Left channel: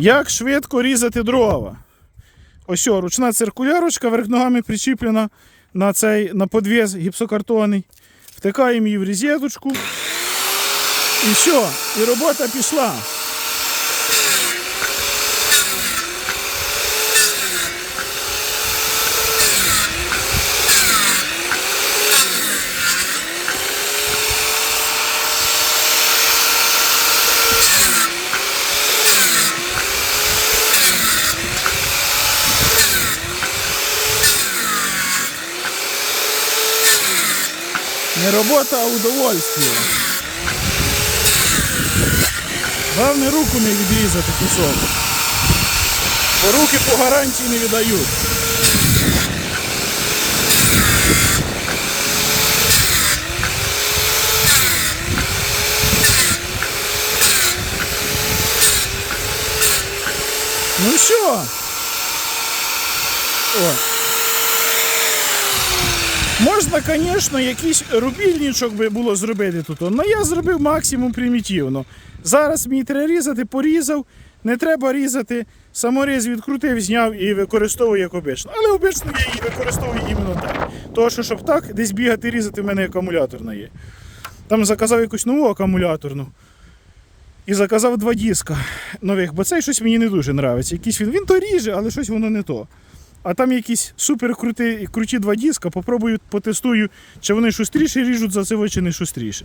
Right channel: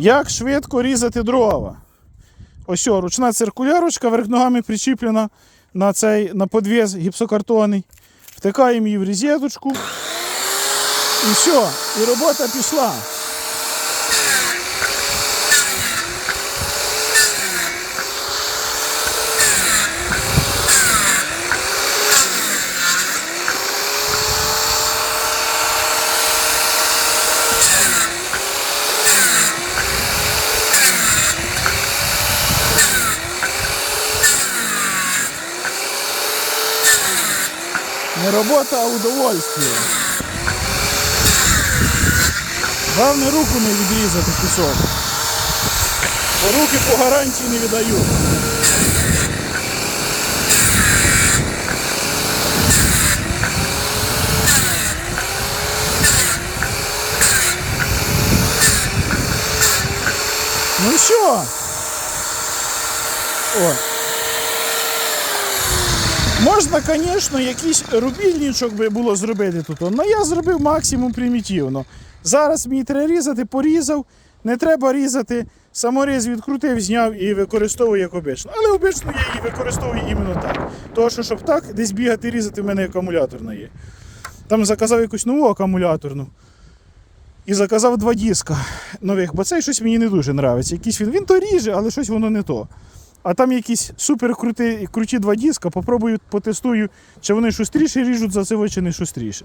Як швидко різати дрова? Ось о, ручна циркулярочка, верх ногами причіплена на цей на подвіз гіпсокартонний. Втикаємо її в різеточку. І все, і робота пішла. Не робота, а удовольствие. Главне руку не відрізати кусок. Бо руки по гарантії не віддають. Ну що? Ой. Можна, звісно, якийсь рубільничок би було зробити тут. але я зробив максимум примітивно. Зараз мені треба різати, порізав. Не треба різати. Саморіз відкрутив, зняв і використовую як обично. Але обично я її використовую іменно так. Тому що, щоб так десь бігати, різати, в мене акумуляторна є. Там заказав якусь нову акумуляторну. І заказав два диска нових, бо цей щось мені не дуже подобається. Якийсь він, він то ріже, але щось воно не то. А там якісь супер круті, круті два диска, попробую, потестую, чи вони шустріше ріжуть за це, чи не шустріше.